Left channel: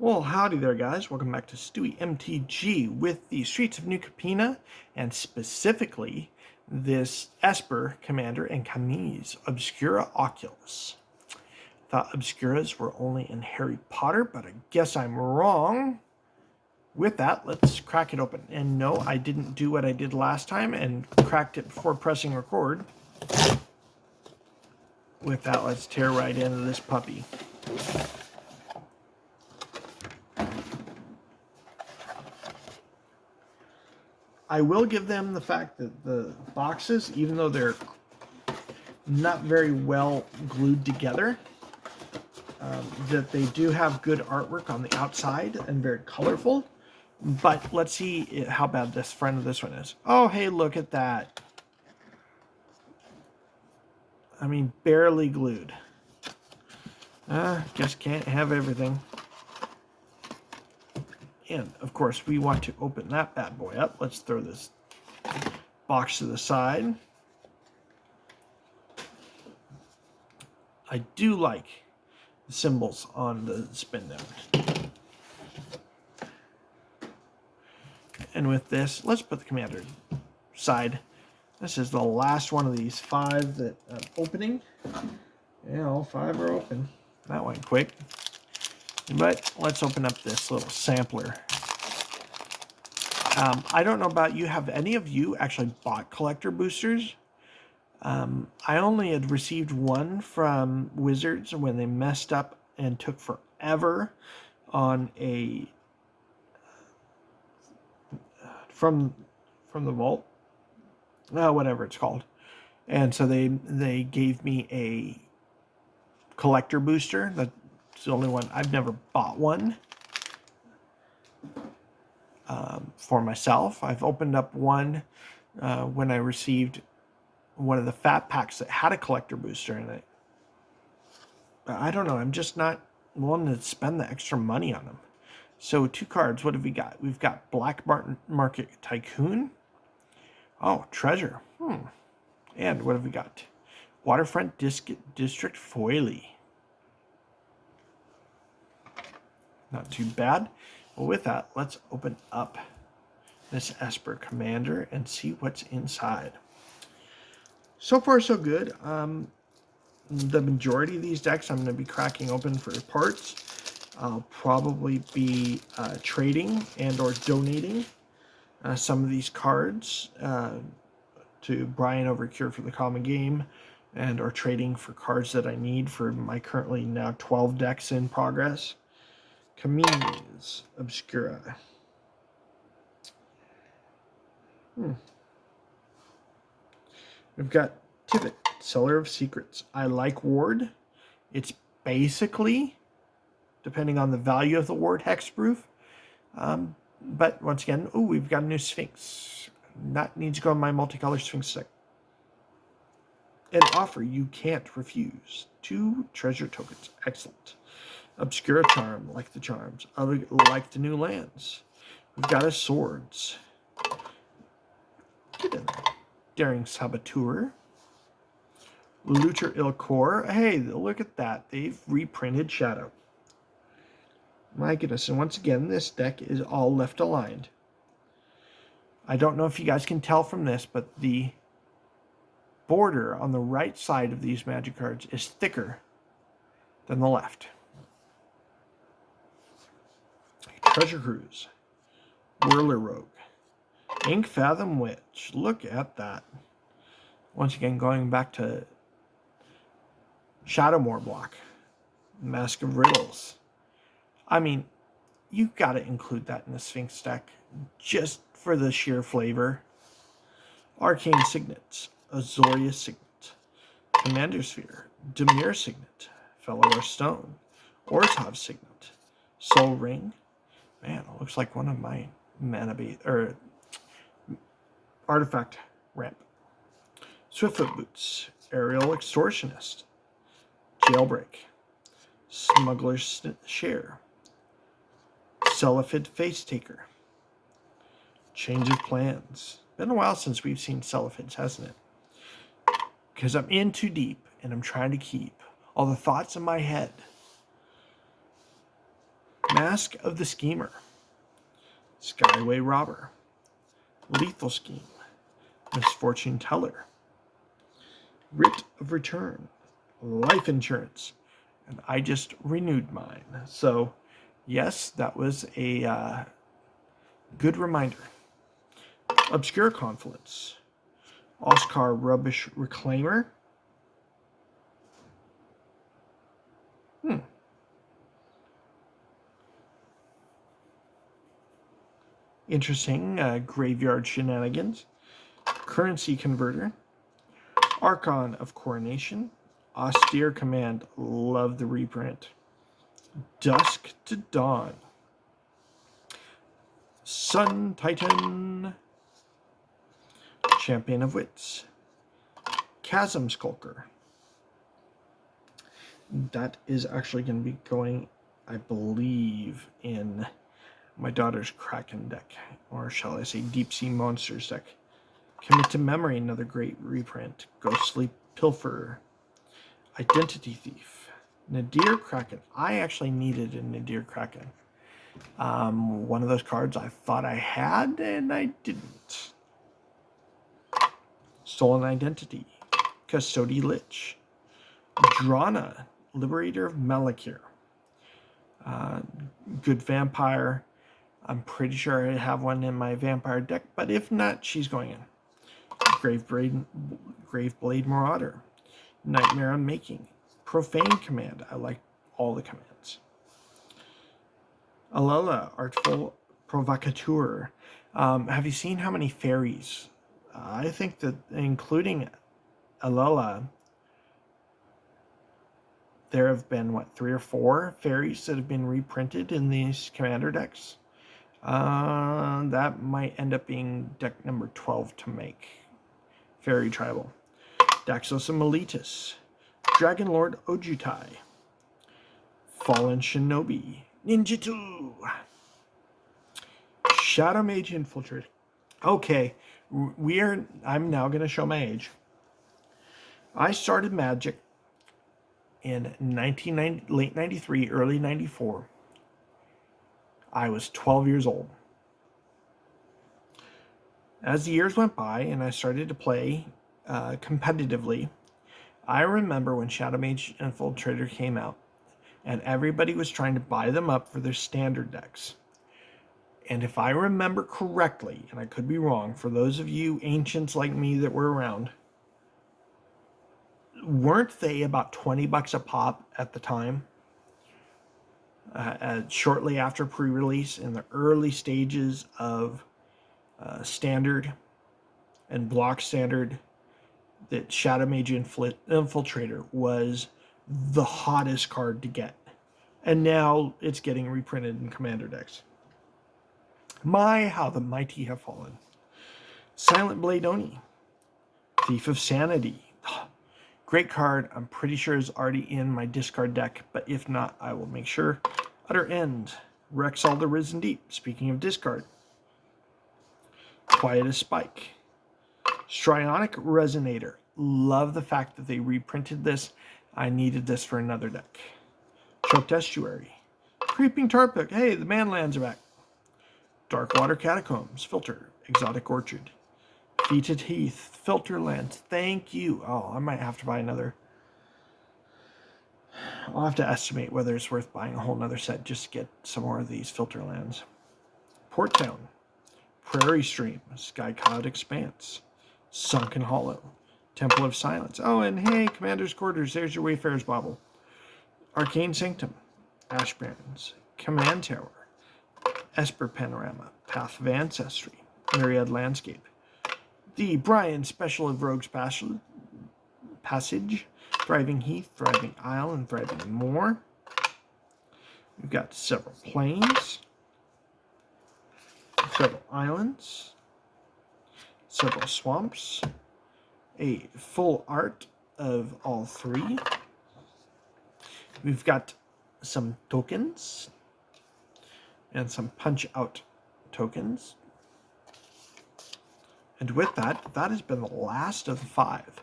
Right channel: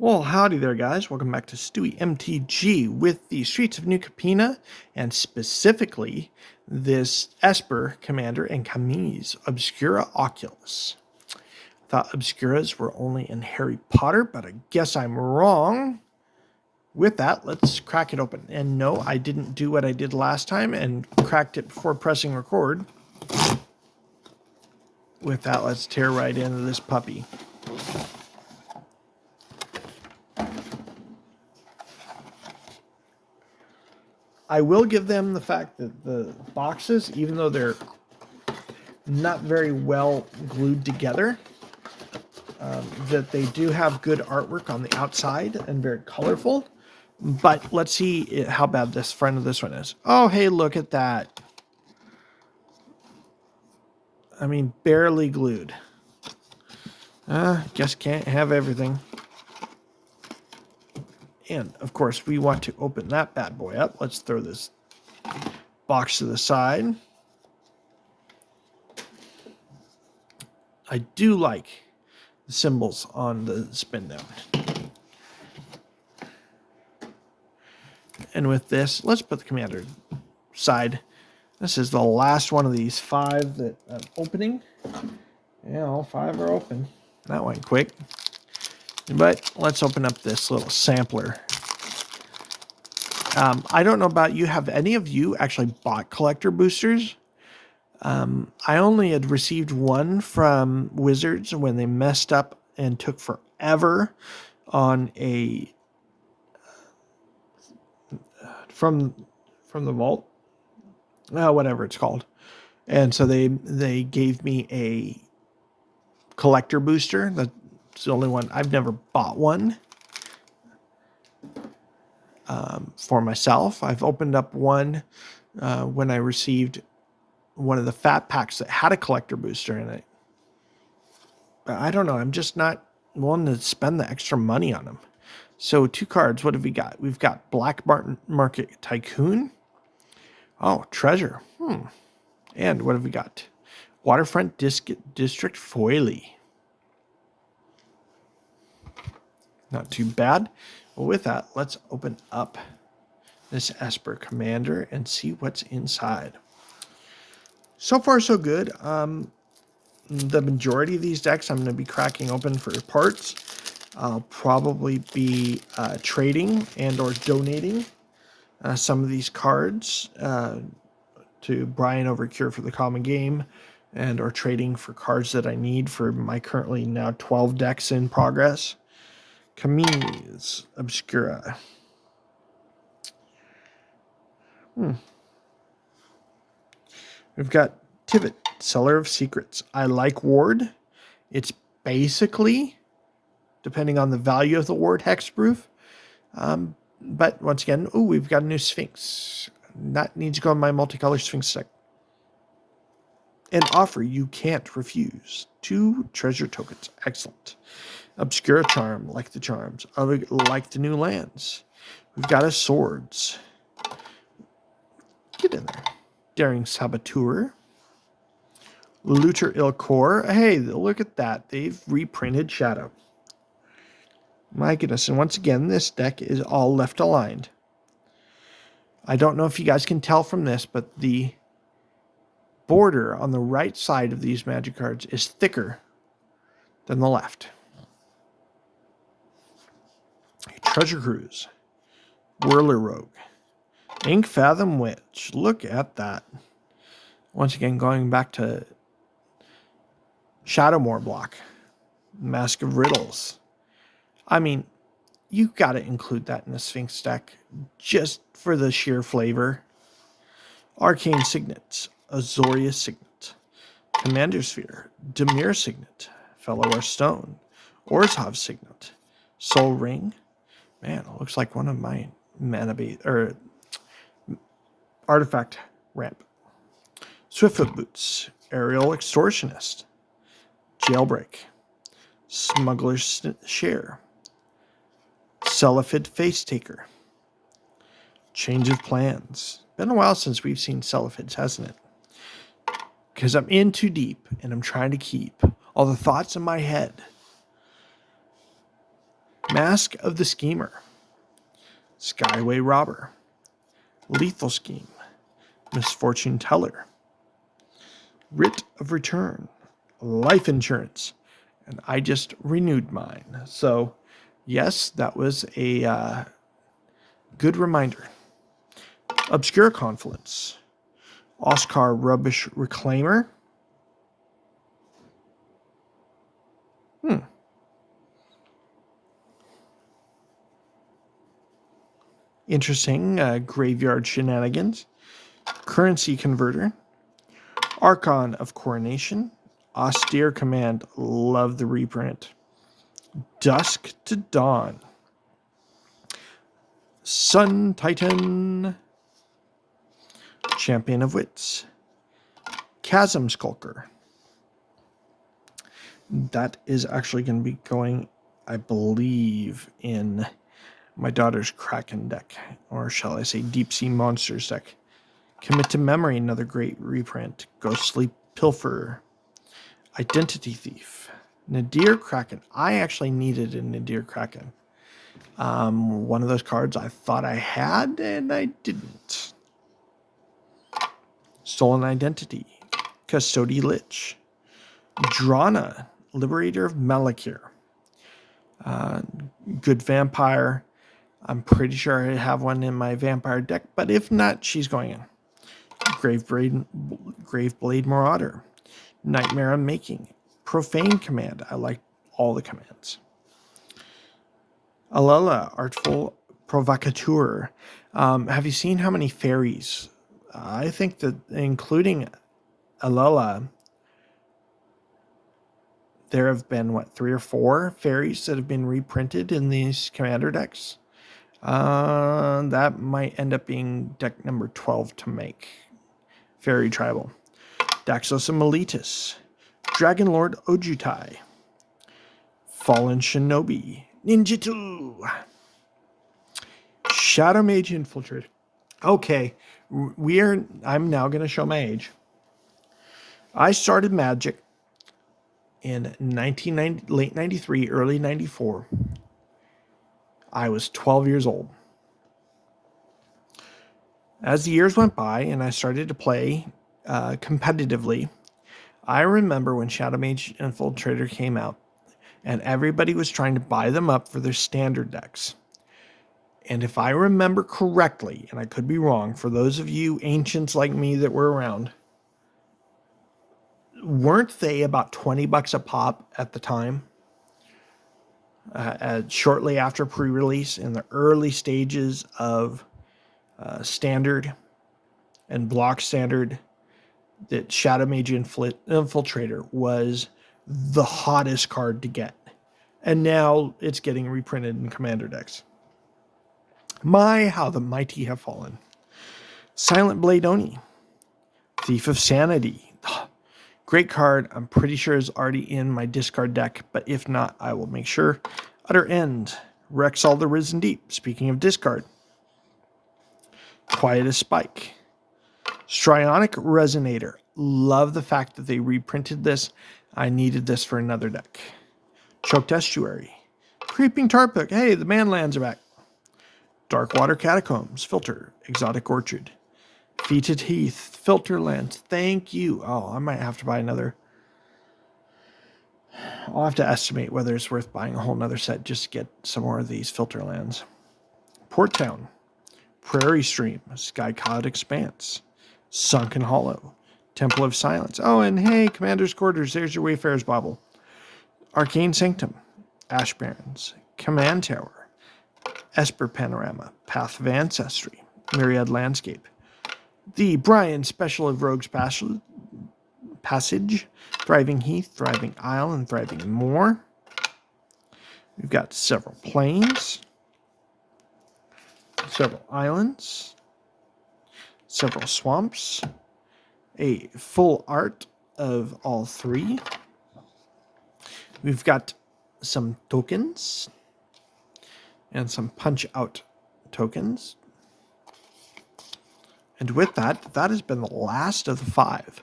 Well, howdy there, guys. Welcome back to Stewie MTG with the Streets of New Capenna, and specifically this Esper Commander and Camise Obscura Oculus. Thought Obscuras were only in Harry Potter, but I guess I'm wrong. With that, let's crack it open. And no, I didn't do what I did last time and cracked it before pressing record. With that, let's tear right into this puppy. I will give them the fact that the boxes, even though they're not very well glued together, that they do have good artwork on the outside and very colorful. But let's see how bad this front of this one is. Oh, hey, look at that. I mean, barely glued. Guess can't have everything. And, of course, we want to open that bad boy up. Let's throw this box to the side. I do like the symbols on the spin down. And with this, let's put the commander side. This is the last one of these 5 that I'm opening. Yeah, all 5 are open. That went quick. But let's open up this little sampler. I don't know about you. Have any of you actually bought collector boosters? I only had received one from Wizards when they messed up and took forever on a from the vault, whatever it's called. And so they gave me a collector booster. That's the only one. I've never bought one for myself. I've opened up one when I received one of the fat packs that had a collector booster in it. I don't know. I'm just not willing to spend the extra money on them. So 2 cards. What have we got? We've got Black Market Tycoon. Oh, Treasure. And what have we got? Waterfront District Foily. Not too bad. Well, with that, let's open up this Esper Commander and see what's inside. So far, so good. The majority of these decks I'm going to be cracking open for parts. I'll probably be trading and or donating some of these cards to Brian over Cure for the Common Game, and or trading for cards that I need for my currently now 12 decks in progress. Camise Obscura. We've got Tivit, Seller of Secrets. I like Ward. It's basically, depending on the value of the Ward, hexproof. But once again, we've got a new Sphinx. That needs to go on my multicolor Sphinx deck. An offer you can't refuse. 2 treasure tokens. Excellent. Obscura Charm, like the charms. Like the new lands. We've got a Swords. Get in there. Daring Saboteur. Looter Ilkor. Hey, look at that. They've reprinted Shadow. My goodness. And once again, this deck is all left aligned. I don't know if you guys can tell from this, but the border on the right side of these magic cards is thicker than the left. Treasure Cruise. Whirler Rogue. Ink Fathom Witch. Look at that. Once again, going back to Shadowmoor block. Mask of Riddles. I mean, you got to include that in the Sphinx deck just for the sheer flavor. Arcane Signets. Azorius Signet. Commander Sphere. Dimir Signet. Fellower Stone. Orzhov Signet. Soul Ring. Man, it looks like one of my mana or artifact ramp. Swiftfoot Boots. Aerial Extortionist. Jailbreak. Smuggler's Share. Cellophid Face Taker. Change of Plans. Been a while since we've seen Celophids, hasn't it? Because I'm in too deep and I'm trying to keep all the thoughts in my head. Mask of the Schemer, Skyway Robber, Lethal Scheme, Misfortune Teller, Writ of Return, Life Insurance, and I just renewed mine. So, yes, that was a good reminder. Obscure Confluence, Oscar Rubbish Reclaimer. Interesting. Graveyard Shenanigans, Currency Converter, Archon of Coronation, Austere Command. Love the reprint. Dusk to Dawn, Sun Titan, Champion of Wits, Chasm Skulker. That is actually going to be going, I believe, in my daughter's Kraken deck, or shall I say Deep Sea Monsters deck. Commit to Memory, another great reprint. Ghostly Pilfer, Identity Thief, Nadir Kraken. I actually needed a Nadir Kraken. One of those cards I thought I had, and I didn't. Stolen Identity, Custody Lich, Drana, Liberator of Malakir, Good Vampire. I'm pretty sure I have one in my vampire deck, but if not, she's going in. Graveblade Marauder, Nightmare Unmaking, Profane Command. I like all the commands. Alela, Artful Provocateur. Have you seen how many fairies? I think that including Alela, there have been, 3 or 4 fairies that have been reprinted in these commander decks. That might end up being deck number 12 to make. Fairy Tribal. Daxos and Meletus, Dragon Lord Ojutai, Fallen Shinobi, Ninjutsu, Shadow Mage Infiltrator. Okay, I'm now going to show my age. I started Magic in late 93, early 94. I was 12 years old. As the years went by and I started to play competitively, I remember when Shadow Mage Infiltrator came out and everybody was trying to buy them up for their standard decks. And if I remember correctly, and I could be wrong, for those of you ancients like me that were around, weren't they about $20 a pop at the time? Shortly after pre-release, in the early stages of standard and block standard, that Shadow Mage Infiltrator was the hottest card to get. And now it's getting reprinted in commander decks. My, how the mighty have fallen. Silent Blade Oni, Thief of Sanity. Great card. I'm pretty sure is already in my discard deck, but if not, I will make sure. Utter End, Rexall the Risen Deep. Speaking of discard. Quiet as Spike. Strionic Resonator. Love the fact that they reprinted this. I needed this for another deck. Choked Estuary. Creeping Tarpuk. Hey, the Manlands are back. Darkwater Catacombs. Filter. Exotic Orchard. Fetid Heath. Filterlands. Thank you. Oh, I might have to buy another. I'll have to estimate whether it's worth buying a whole nother set just to get some more of these Filterlands. Port Town. Prairie Stream. Sky Cloud Expanse. Sunken Hollow. Temple of Silence. Oh, and hey, Commander's Quarters. There's your Wayfarer's Bauble. Arcane Sanctum. Ash Barrens. Command Tower. Esper Panorama. Path of Ancestry. Myriad Landscape. The Brian Special of Rogue's Passage. Thriving Heath, Thriving Isle, and Thriving Moor. We've got several plains. Several islands. Several swamps. A full art of all 3. We've got some tokens and some punch out tokens. And with that, that has been the last of the 5.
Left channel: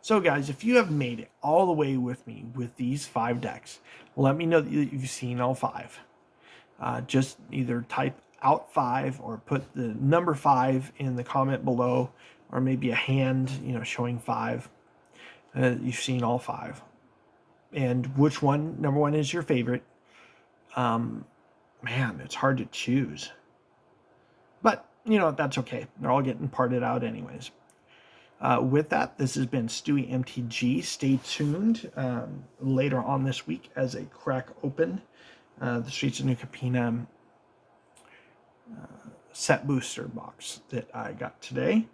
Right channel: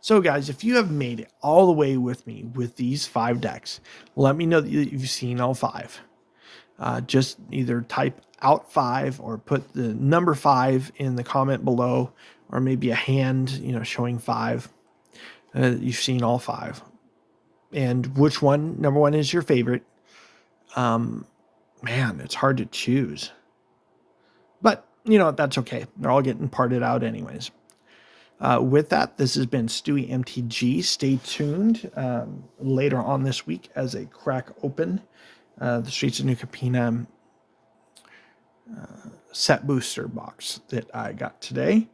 So guys, if you have made it all the way with me with these 5 decks, let me know that you've seen all 5. just either type out 5 or put the number 5 in the comment below, or maybe a hand, showing 5. You've seen all 5. And which one, number 1, is your favorite. Man, it's hard to choose. But, that's okay. They're all getting parted out anyways. With that, this has been Stewie MTG. Stay tuned later on this week as I crack open the Streets of New Capenna set booster box that I got today.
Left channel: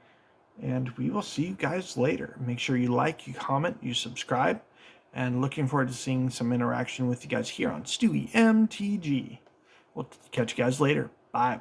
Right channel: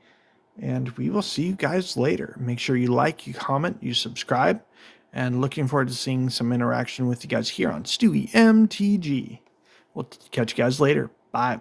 And we will see you guys later. Make sure you like, you comment, you subscribe. And looking forward to seeing some interaction with you guys here on Stewie MTG. We'll catch you guys later. Bye.